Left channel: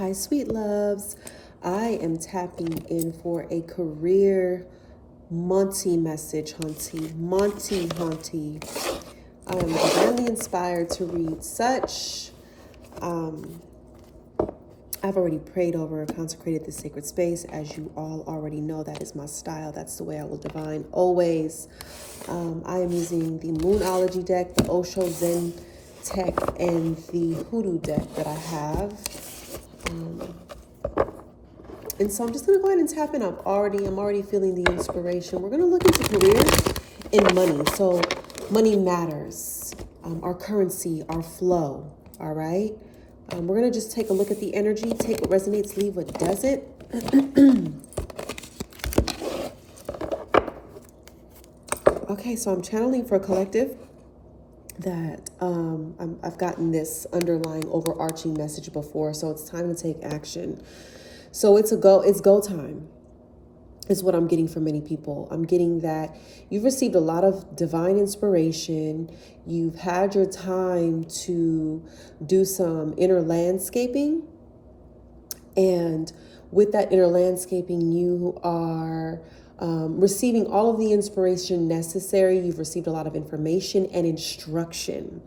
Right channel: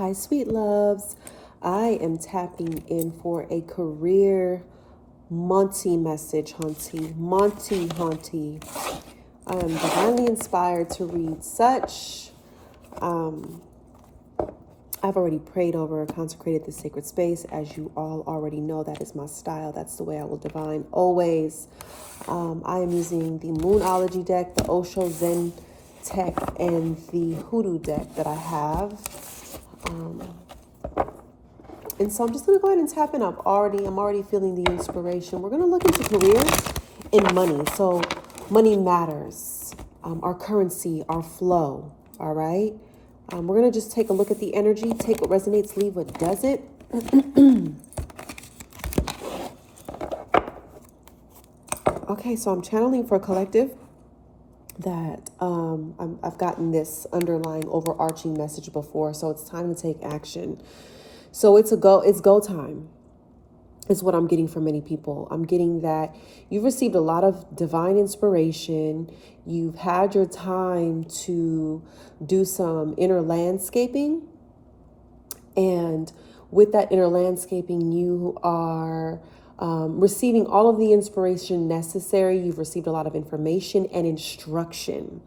Hi, sweet loves. I am tapping in for a career Monty message, Hunty. Monty, Hunty. I am divinely inspired to read such. I've already prayed over and consecrated this sacred space. As you all already know, that is my style. That's the way I will divine always. I am using the Moonology deck, the Osho Zen Tech, and the Hoodoo deck that I have. And so I'm just going to go ahead and tap in. I'm already feeling the inspiration. We're going to look into career and money. So money matters, our currency, our flow. All right. We're going to just take a look at the energy, take what resonates, leave what doesn't. Okay, so I'm channeling for a collective that I've gotten this underlying overarching message before. So it's time to take action. So it's go time is what I'm getting from many people. I'm getting that you've received a lot of divine inspiration. You've had your time to do some inner landscaping. And with that inner landscaping, you are receiving all of the inspiration necessary. You've received a lot of information and instruction.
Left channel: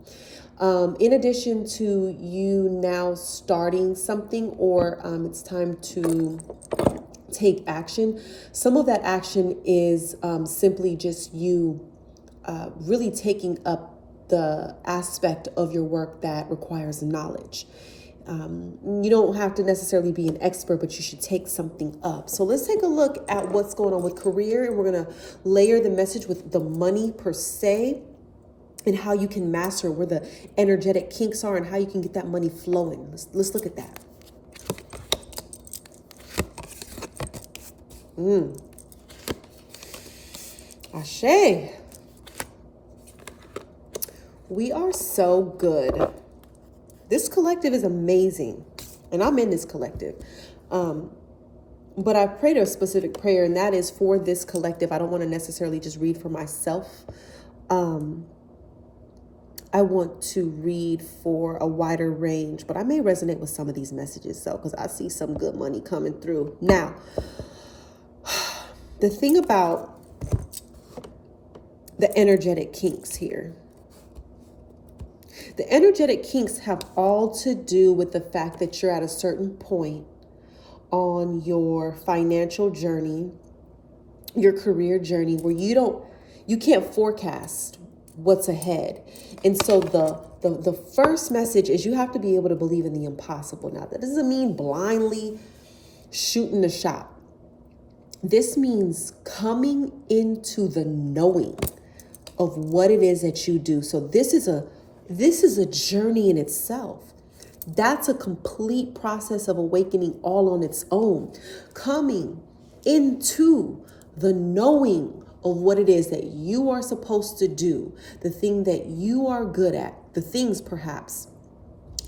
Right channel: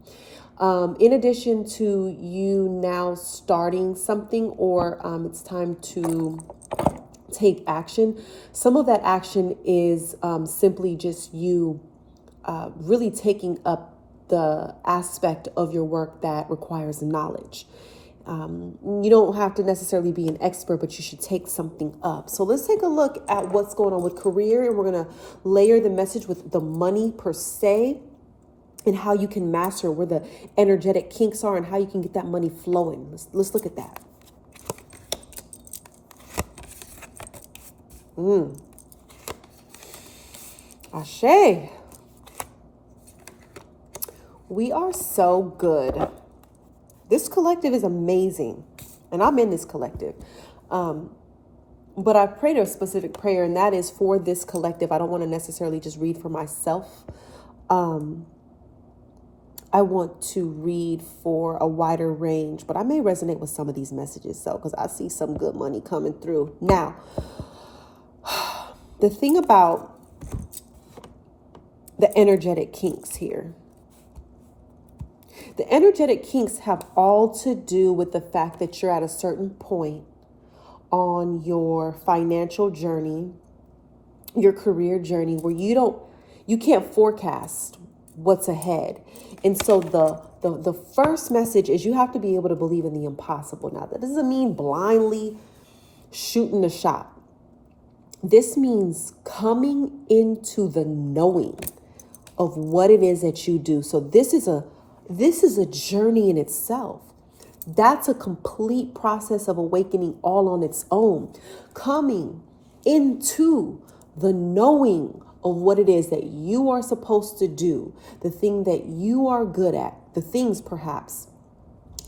In addition to you now starting something, or it's time to take action. Some of that action is simply just you really taking up the aspect of your work that requires knowledge. You don't have to necessarily be an expert, but you should take something up. So let's take a look at what's going on with career, and we're going to layer the message with the money per se, and how you can master where the energetic kinks are and how you can get that money flowing. Let's look at that. Ashe. We are so good. This collective is amazing. And I'm in this collective. But I prayed a specific prayer, and that is for this collective. I don't want to necessarily just read for myself. I want to read for a wider range, but I may resonate with some of these messages, so because I see some good money coming through. Now, the thing about the energetic kinks here, the energetic kinks have all to do with the fact that you're at a certain point on your financial journey, your career journey, where you can't forecast what's ahead. And so the first message is you have to be able to believe in the impossible. Now, that doesn't mean blindly shooting the shot. This means coming into the knowing of what it is that you do. So this is a journey in itself. That's a complete process of awakening all on its own. Coming into the knowing of what it is that you are supposed to do, the thing that you are good at, the things perhaps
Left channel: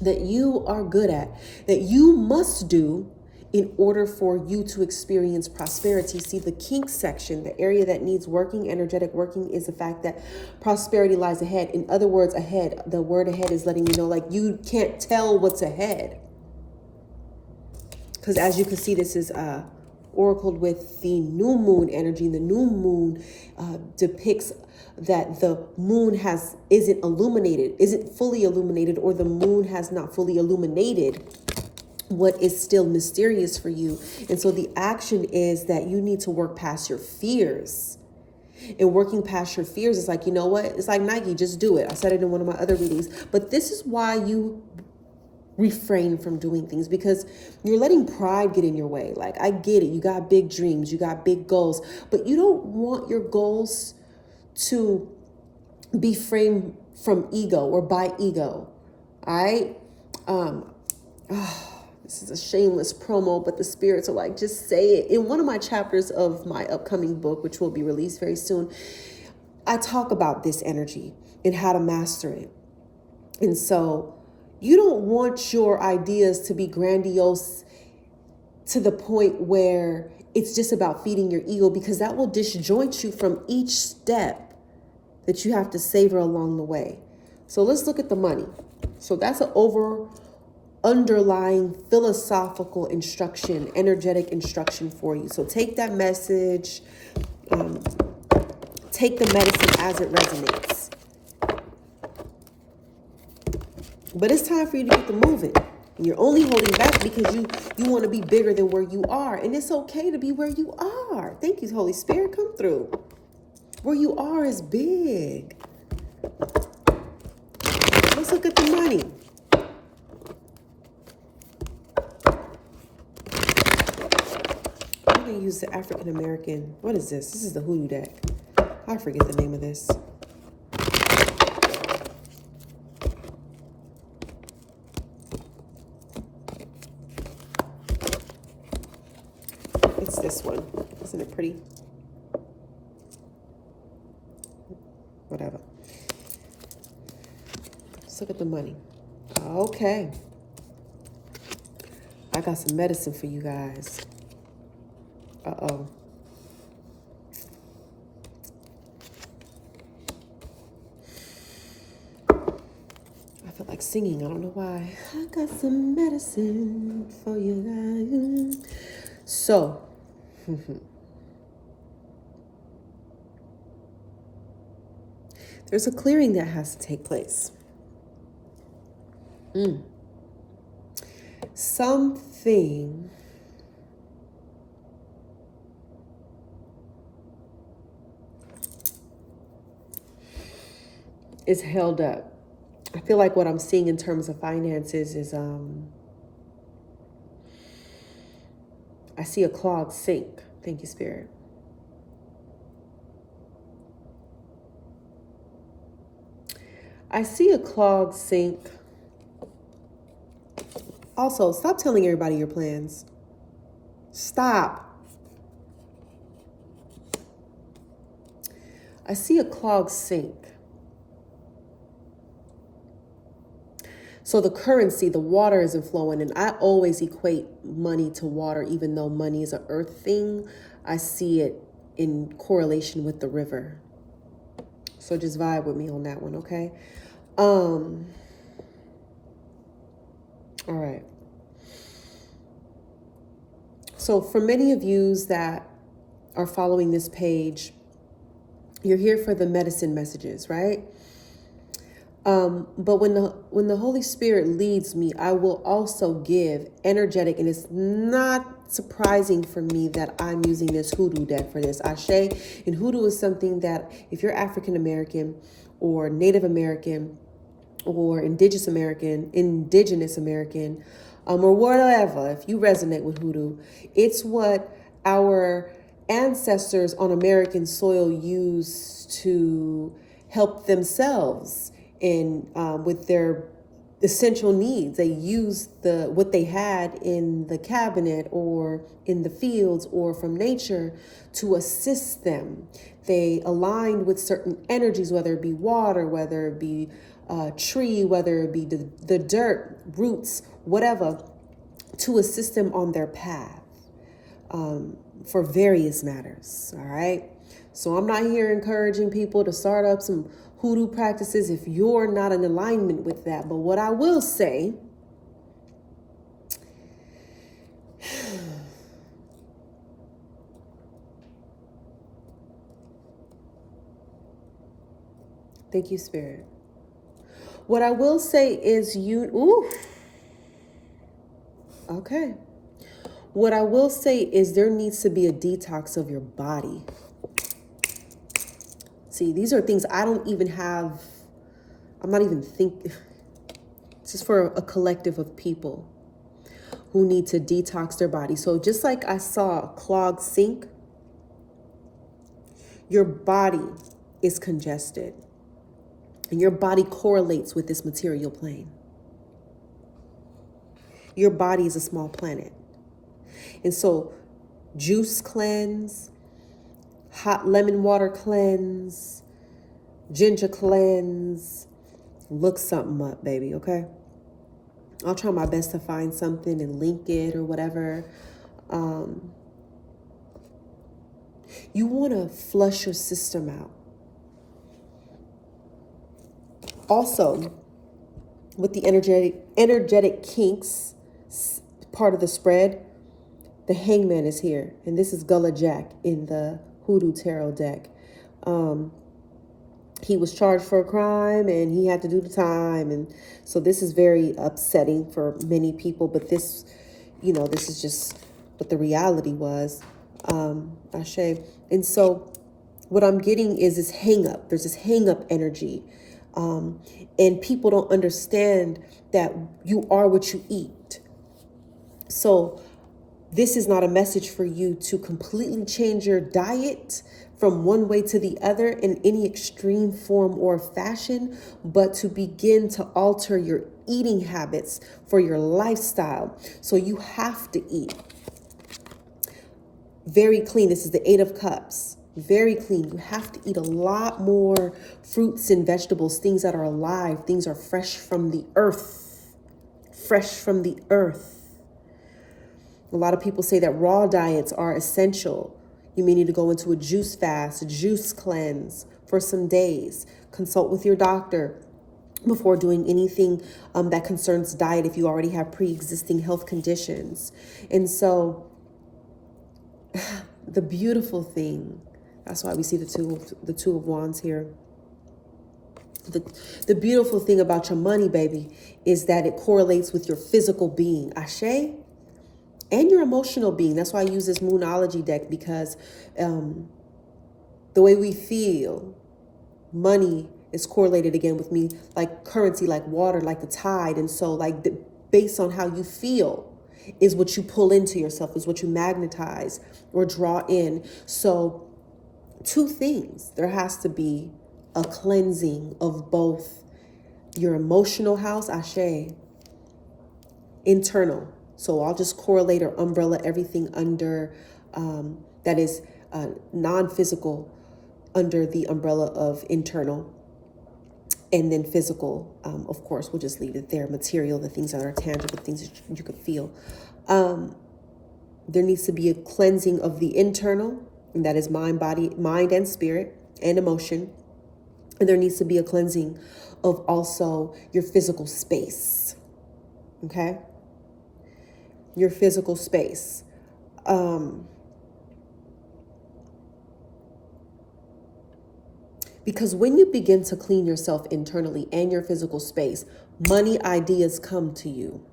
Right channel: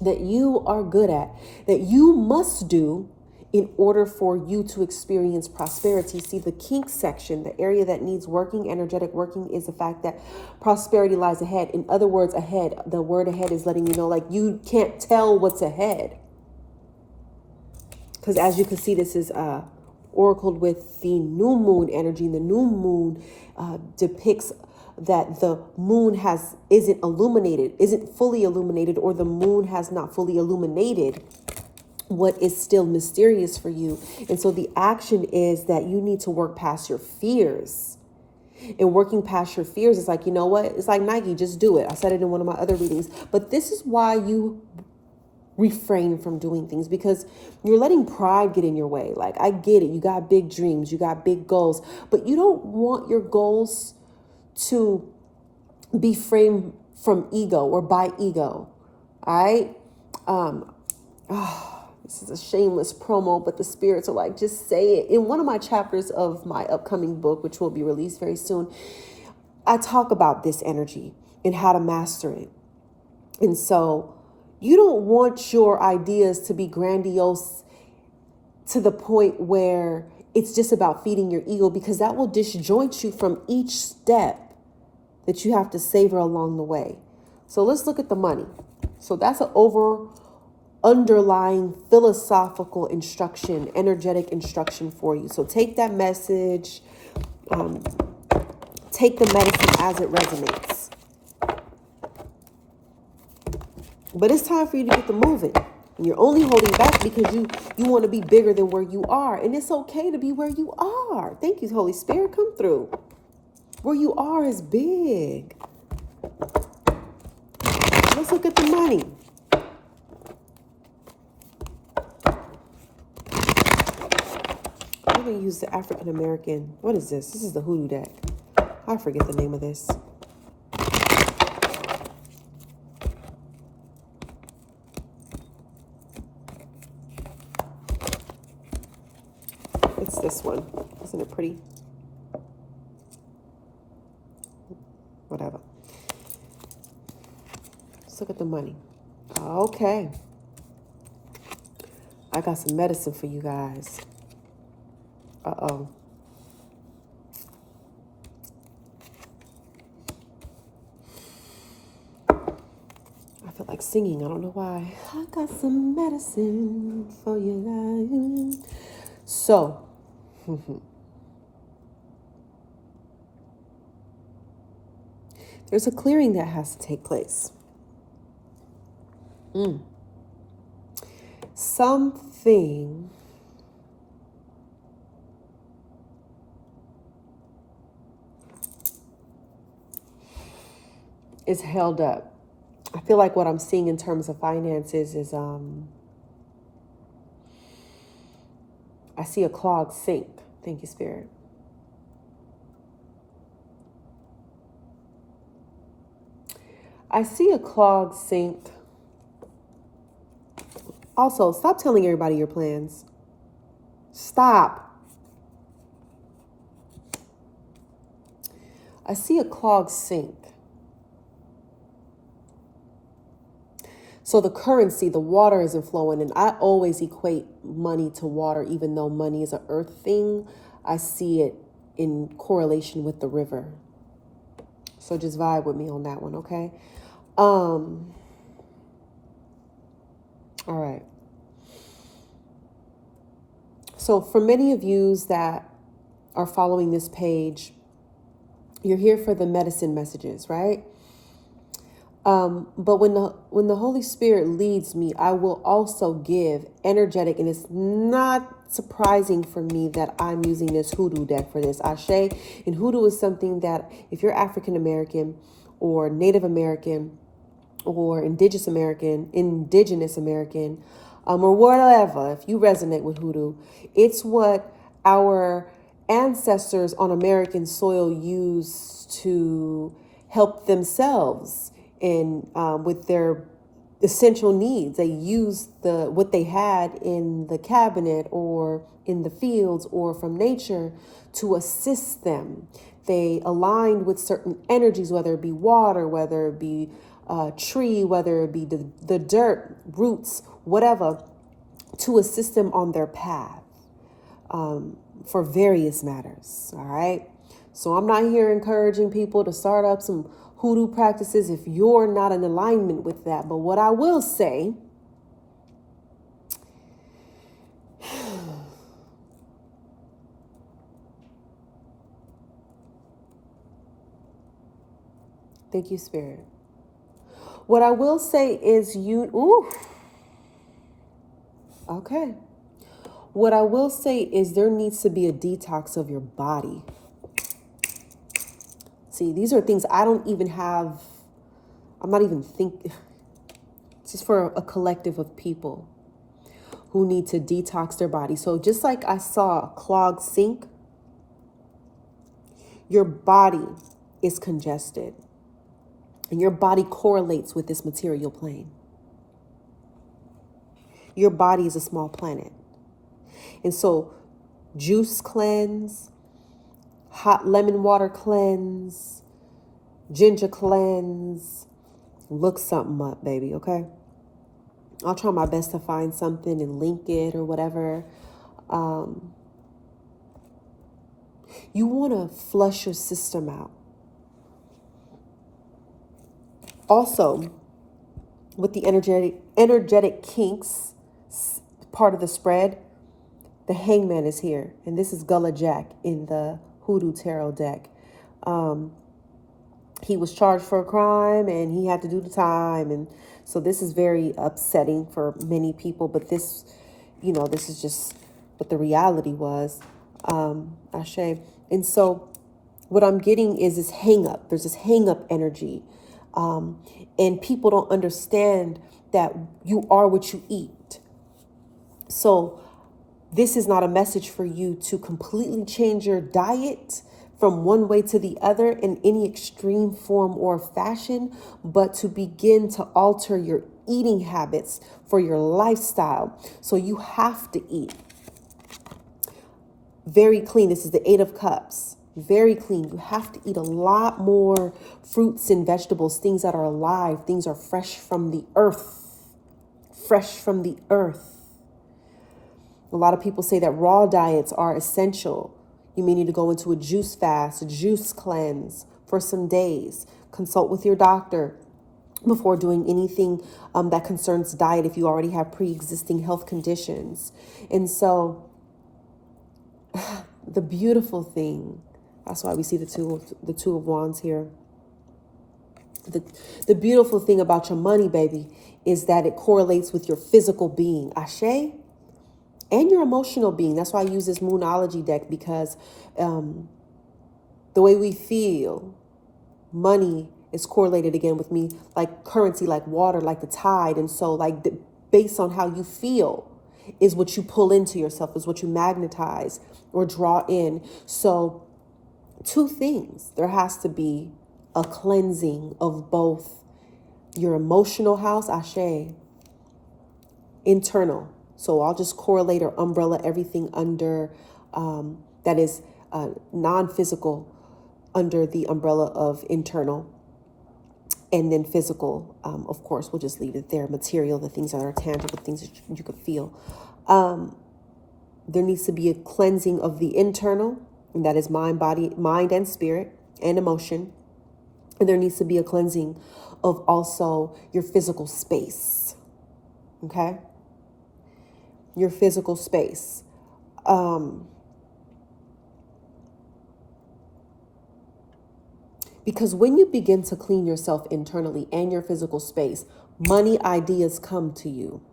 that you are good at, that you must do in order for you to experience prosperity. See, the kink section, the area that needs working, energetic working, is the fact that prosperity lies ahead. In other words, ahead, the word ahead is letting you know, like, you can't tell what's ahead. Because as you can see, this is oracled with the new moon energy. The new moon depicts that the moon isn't fully illuminated, or the moon has not fully illuminated what is still mysterious for you. And so the action is that you need to work past your fears. And working past your fears is like, you know what? It's like Nike, just do it. I said it in one of my other readings. But this is why you refrain from doing things, because you're letting pride get in your way. Like, I get it. You got big dreams, you got big goals, but you don't want your goals to be framed from ego or by ego. All right. This is a shameless promo, but the spirits are like, just say it. In one of my chapters of my upcoming book, which will be released very soon, I talk about this energy and how to master it. And so you don't want your ideas to be grandiose to the point where it's just about feeding your ego, because that will disjoint you from each step that you have to savor along the way. So let's look at the money. So that's an underlying philosophical instruction, energetic instruction for you. So take that message, take the medicine as it resonates. But it's time for you to get the moving. And you're only holding back because you want to be bigger than where you are. And it's okay to be where you are. Thank you, Holy Spirit. Come through. Where you are is big. Let's look at the money. I'm going to use the African American. What is this? This is the hoodoo deck. I forget the name of this. It's this one. Isn't it pretty? Whatever. Let's look at the money. Okay. I got some medicine for you guys. Uh-oh. I feel like singing. I don't know why. I got some medicine for you guys. So, there's a clearing that has to take place. Something is held up. I feel like what I'm seeing in terms of finances is I see a clogged sink. Thank you, Spirit. I see a clogged sink. Also, stop telling everybody your plans. Stop. I see a clogged sink. So the currency, the water isn't flowing. And I always equate money to water, even though money is an earth thing. I see it in correlation with the river. So just vibe with me on that one, okay? All right. So for many of yous that are following this page, you're here for the medicine messages, right? But when the Holy Spirit leads me, I will also give energetic, and it's not surprising for me that I'm using this hoodoo deck for this. Ashe, and hoodoo is something that if you're African American or Native American or Indigenous American, or whatever, if you resonate with hoodoo, it's what our ancestors on American soil used to help themselves in with their essential needs. They used what they had in the cabinet or in the fields or from nature to assist them. They aligned with certain energies, whether it be water, whether it be tree, whether it be the dirt, roots, whatever, to assist them on their path for various matters. All right. So I'm not here encouraging people to start up some hoodoo practices if you're not in alignment with that. But what I will say, thank you, Spirit. What I will say is okay. What I will say is there needs to be a detox of your body. See, these are things I don't even have. I'm not even thinking. This is for a collective of people who need to detox their body. So just like I saw a clogged sink, your body is congested and your body correlates with this material plane. Your body is a small planet. And so juice cleanse, hot lemon water cleanse, ginger cleanse, look something up, baby, okay? I'll try my best to find something and link it or whatever. You want to flush your system out. Also, with the energetic energetic kinks, part of the spread, the Hangman is here. And this is Gullah Jack in the Hoodoo Tarot deck. He was charged for a crime and he had to do the time. And so this is very upsetting for many people. But this, this is just what the reality was. Ashe. And so what I'm getting is this hang up. There's this hang up energy. And people don't understand that you are what you eat. So this is not a message for you to completely change your diet from one way to the other in any extreme form or fashion, but to begin to alter your eating habits for your lifestyle. So you have to eat very clean. This is the 8 of Cups. Very clean. You have to eat a lot more fruits and vegetables, things that are alive, things are fresh from the earth. Fresh from the earth. A lot of people say that raw diets are essential. You may need to go into a juice fast, a juice cleanse for some days. Consult with your doctor before doing anything that concerns diet if you already have pre-existing health conditions. And so the beautiful thing, that's why we see the two of Wands here. The beautiful thing about your money, baby, is that it correlates with your physical being. Ashe? And your emotional being. That's why I use this Moonology deck, because the way we feel, money is correlated again with me like currency, like water, like the tide. And so based on how you feel is what you pull into yourself, is what you magnetize or draw in. So 2 things. There has to be a cleansing of both your emotional house, Ashe, internal. So I'll just correlate or umbrella everything under that is non-physical under the umbrella of internal. And then physical, of course, we'll just leave it there. Material, the things that are tangible, things that you could feel. There needs to be a cleansing of the internal, and that is mind and spirit and emotion. And there needs to be a cleansing of also your physical space. Okay? Your physical space. Because when you begin to clean yourself internally and your physical space, money ideas come to you.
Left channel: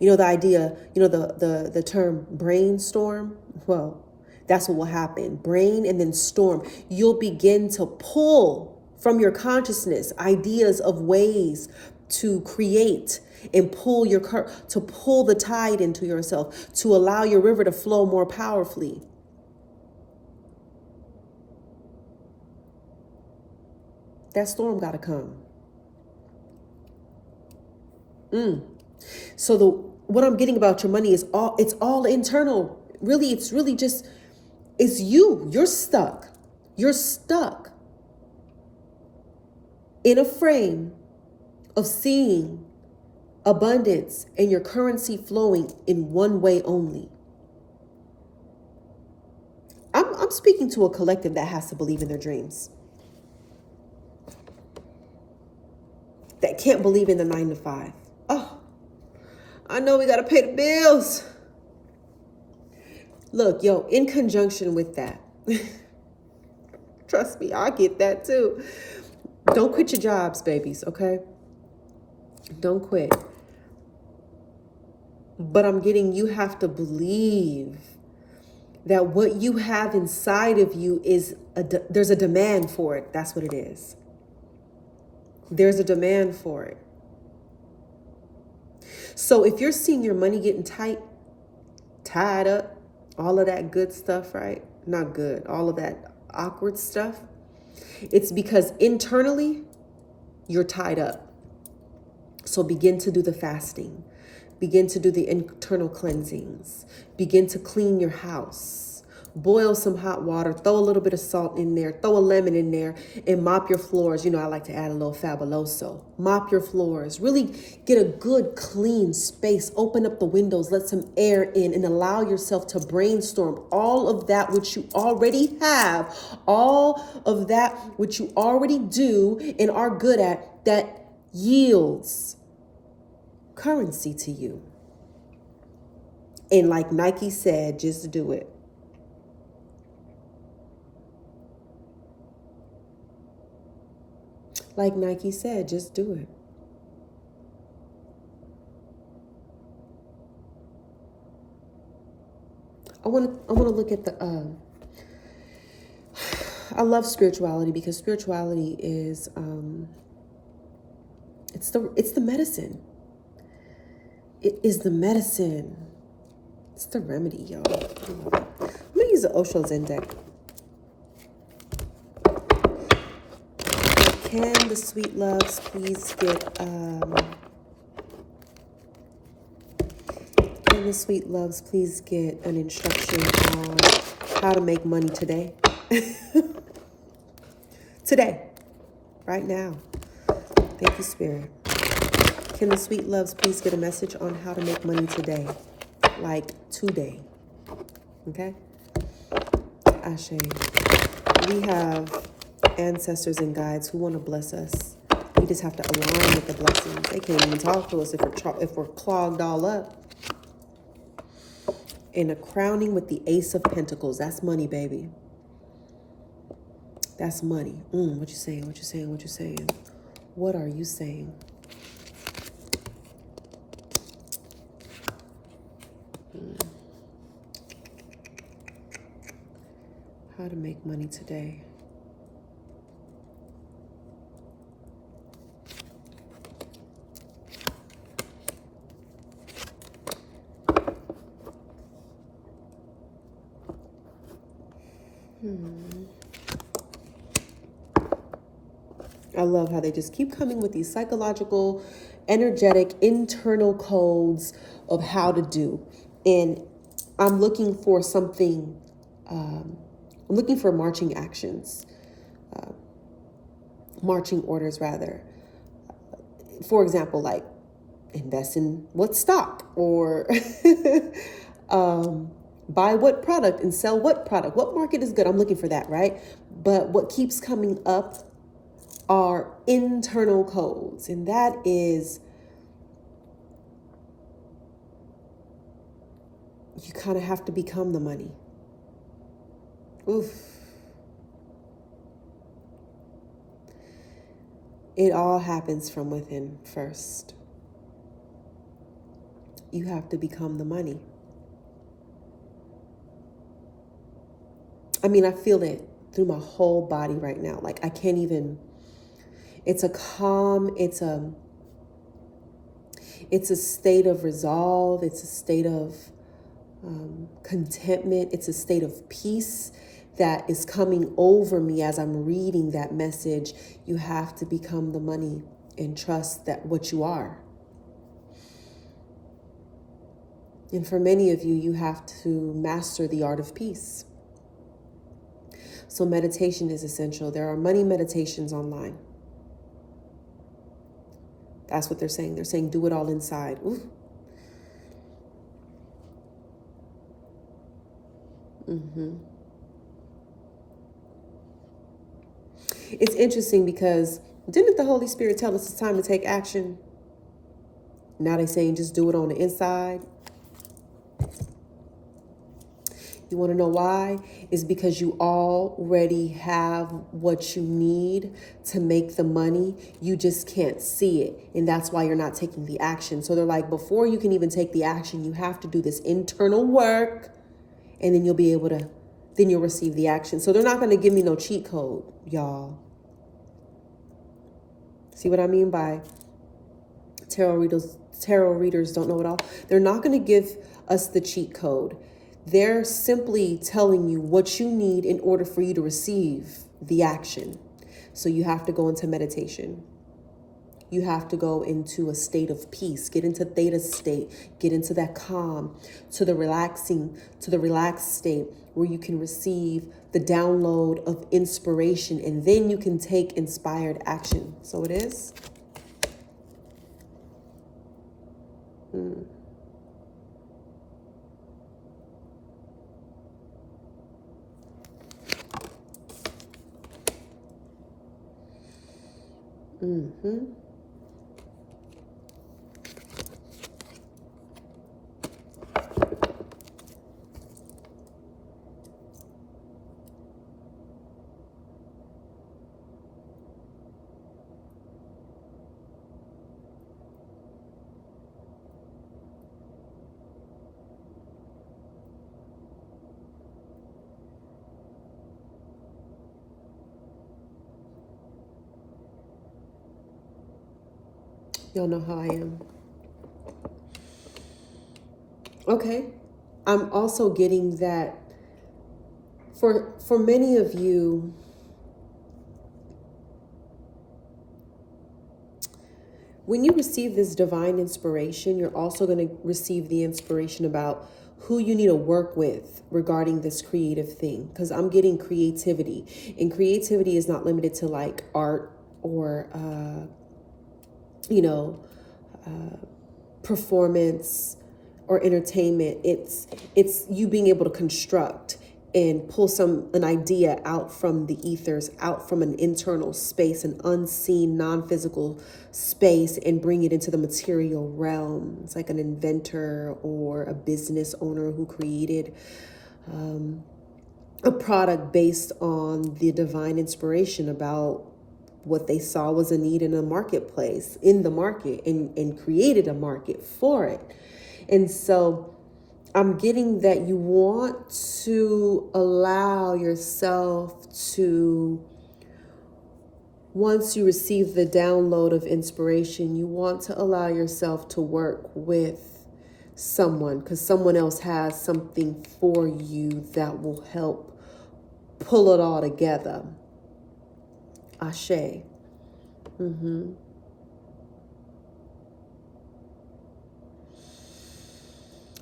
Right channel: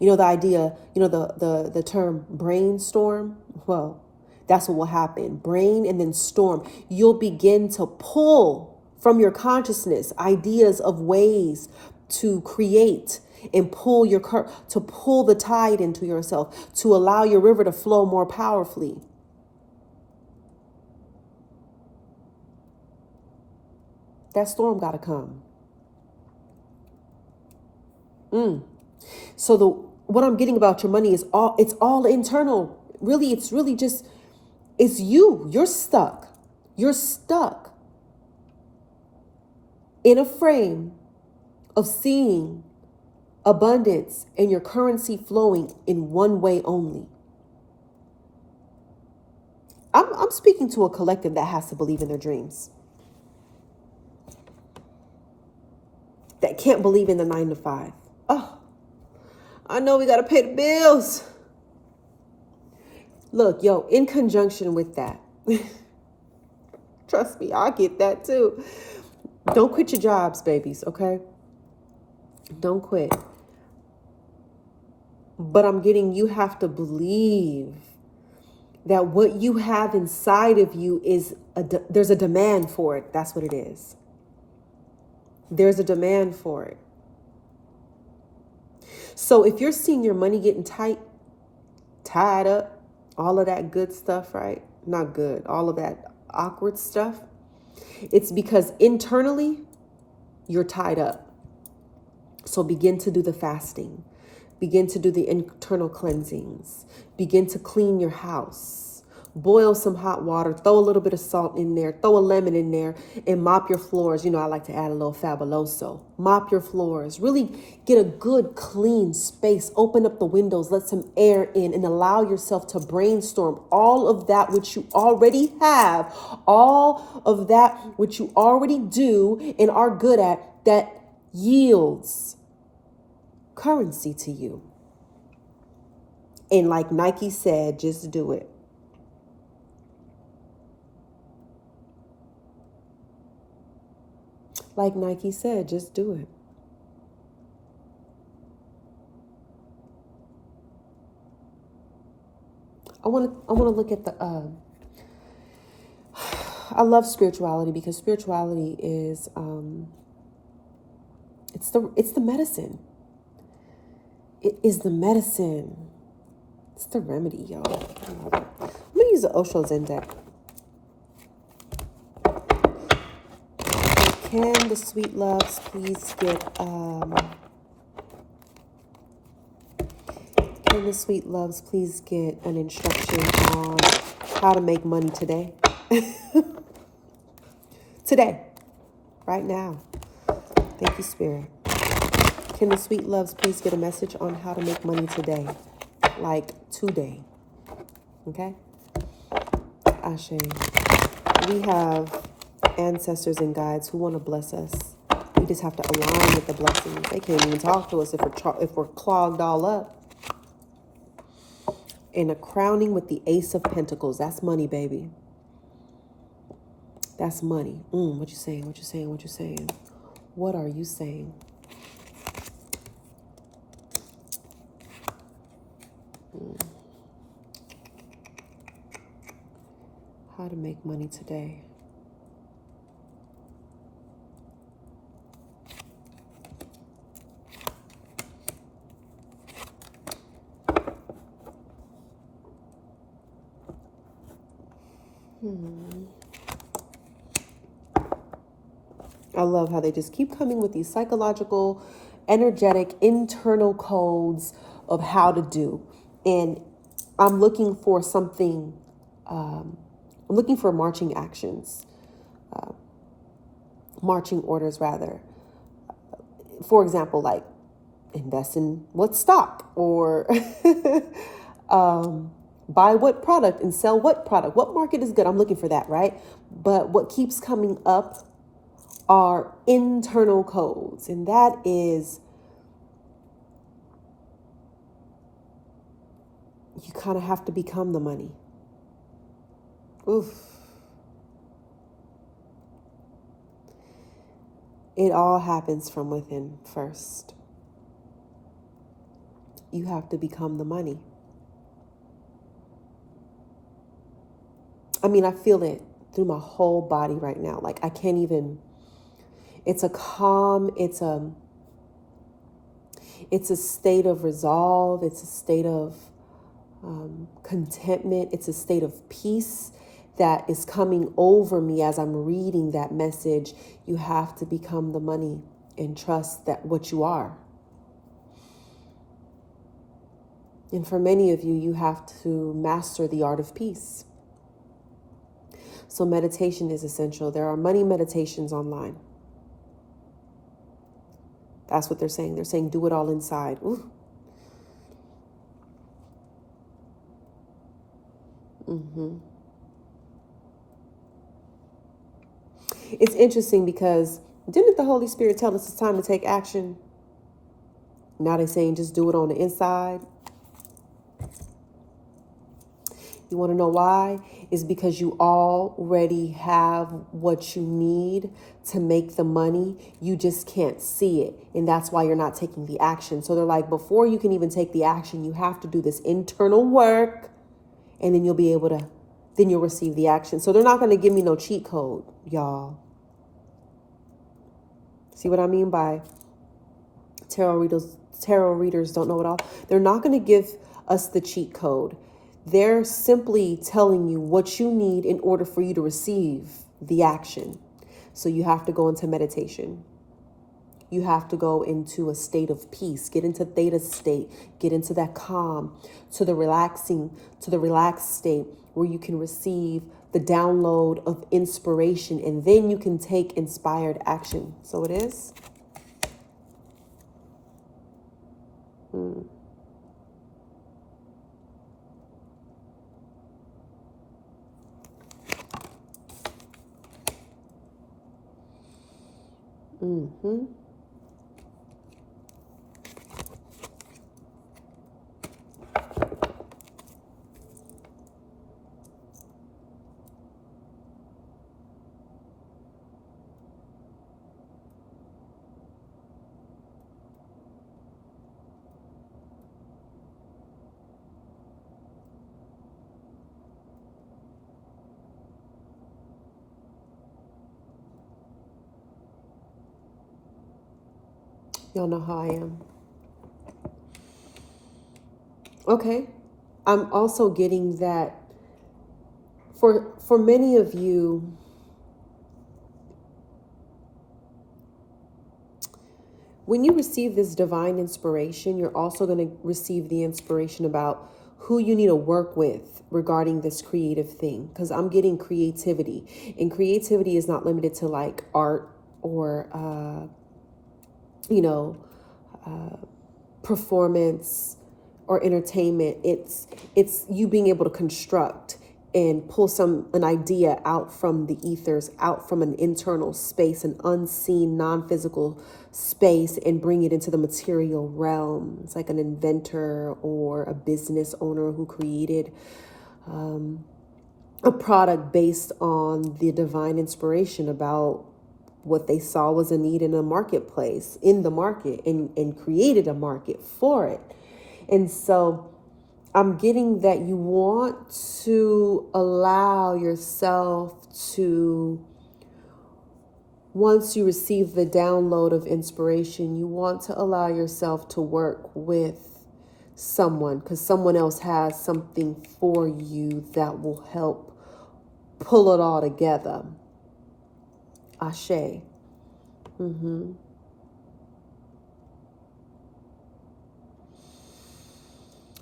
The idea, the term brainstorm, well, that's what will happen. Brain and then storm. You'll begin to pull from your consciousness ideas of ways to create and pull the tide into yourself, to allow your river to flow more powerfully. That storm got to come. So what I'm getting about your money is it's all internal. Really, it's you. You're stuck. You're stuck in a frame of seeing abundance and your currency flowing in one way only. I'm speaking to a collective that has to believe in their dreams. That can't believe in the 9 to 5. Oh, I know we got to pay the bills. Look, in conjunction with that, trust me, I get that too. Don't quit your jobs, babies, okay? Don't quit. But I'm getting, you have to believe that what you have inside of you there's a demand for it. That's what it is. There's a demand for it. So if you're seeing your money getting tied up, all of that good stuff, right? Not good, all of that awkward stuff. It's because internally you're tied up. So begin to do the fasting. Begin to do the internal cleansings. Begin to clean your house. Boil some hot water. Throw a little bit of salt in there. Throw a lemon in there and mop your floors. I like to add a little Fabuloso. Mop your floors. Really get a good, clean space. Open up the windows. Let some air in and allow yourself to brainstorm all of that which you already have. All of that which you already do and are good at that yields currency to you. And like Nike said, just do it. Like Nike said, just do it. I want to look at the I love spirituality because spirituality is it's the medicine. It is the medicine. It's the remedy, y'all. I love it. I'm gonna use the Osho Zen deck. Can the sweet loves please get Can the sweet loves please get an instruction on how to make money today? Today, right now. Thank you, Spirit. Can the sweet loves please get a message on how to make money today? Like today. Okay? Ashe. We have ancestors and guides who want to bless us. We just have to align with the blessing. They can't even talk to us if we're clogged all up. And a crowning with the Ace of Pentacles. That's money, baby. That's money. What you saying? What you saying? What you saying? What are you saying? How to make money today. I love how they just keep coming with these psychological, energetic, internal codes of how to do. And I'm looking for something, I'm looking for marching actions, marching orders rather. For example, like invest in what stock or buy what product and sell what product. What market is good? I'm looking for that, right? But what keeps coming up are internal codes, and that is you kind of have to become the money. Oof. It all happens from within first. You have to become the money. I mean, I feel it through my whole body right now. Like I can't even, it's a calm, it's a state of resolve. It's a state of contentment. It's a state of peace that is coming over me as I'm reading that message. You have to become the money and trust that what you are. And for many of you, you have to master the art of peace. So meditation is essential. There are money meditations online. That's what they're saying. They're saying do it all inside. Ooh. It's interesting because didn't the Holy Spirit tell us it's time to take action? Now they're saying just do it on the inside. You want to know why? It's because you already have what you need to make the money. You just can't see it. And that's why you're not taking the action. So they're like, before you can even take the action, you have to do this internal work. And then you'll be able to, then you'll receive the action. So they're not going to give me no cheat code, y'all. See what I mean by tarot readers don't know it all? They're not going to give us the cheat code. They're simply telling you what you need in order for you to receive the action. So you have to go into meditation. You have to go into a state of peace, get into theta state, get into that calm, to the relaxed state where you can receive the download of inspiration, and then you can take inspired action. So it is. Y'all know how I am. Okay. I'm also getting that for many of you, when you receive this divine inspiration, you're also going to receive the inspiration about who you need to work with regarding this creative thing. Because I'm getting creativity. And creativity is not limited to like art or, performance or entertainment. It's you being able to construct and pull an idea out from the ethers, out from an internal space, an unseen, non-physical space, and bring it into the material realm. It's like an inventor or a business owner who created a product based on the divine inspiration about what they saw was a need in a marketplace, in the market, and created a market for it. And so I'm getting that you want to allow yourself to, once you receive the download of inspiration, you want to allow yourself to work with someone, because someone else has something for you that will help pull it all together. Ashe.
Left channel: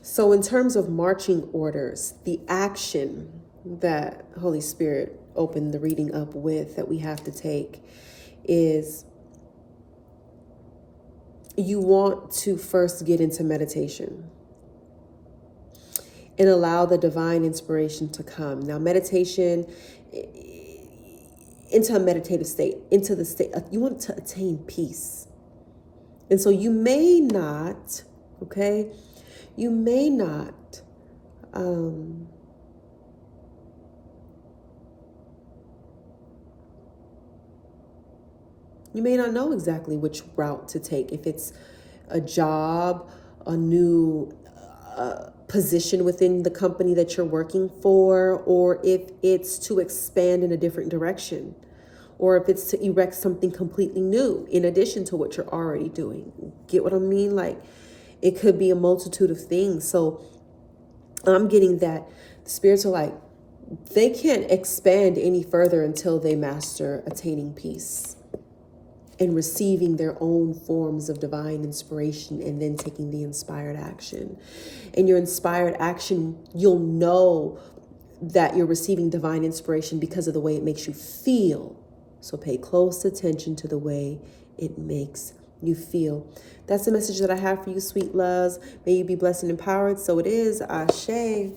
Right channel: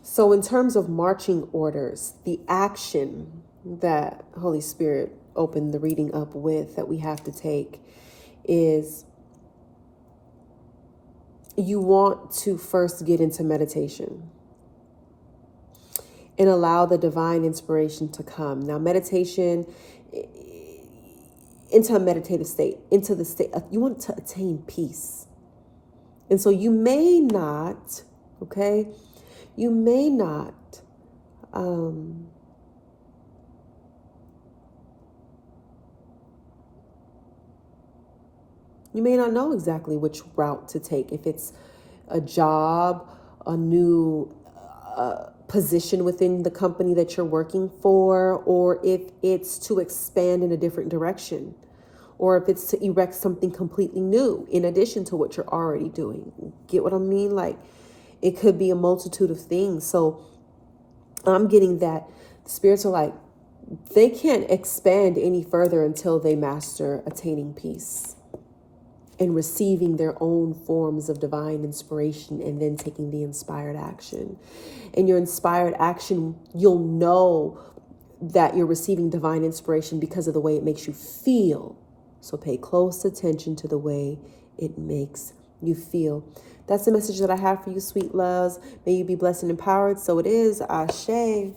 So in terms of marching orders, the action that Holy Spirit opened the reading up with that we have to take is you want to first get into meditation and allow the divine inspiration to come. Now, meditation, into a meditative state, into the state, you want to attain peace. And so you may not, okay, you may not know exactly which route to take. If it's a job, a new position within the company that you're working for, or if it's to expand in a different direction, or if it's to erect something completely new in addition to what you're already doing. Get what I mean? Like, it could be a multitude of things. So I'm getting that spirits are like, they can't expand any further until they master attaining peace and receiving their own forms of divine inspiration, and then taking the inspired action. And your inspired action, you'll know that you're receiving divine inspiration because of the way it makes you feel. So pay close attention to the way it makes you feel. That's the message that I have for you, sweet loves. May you be blessed and empowered. So it is. Ashe.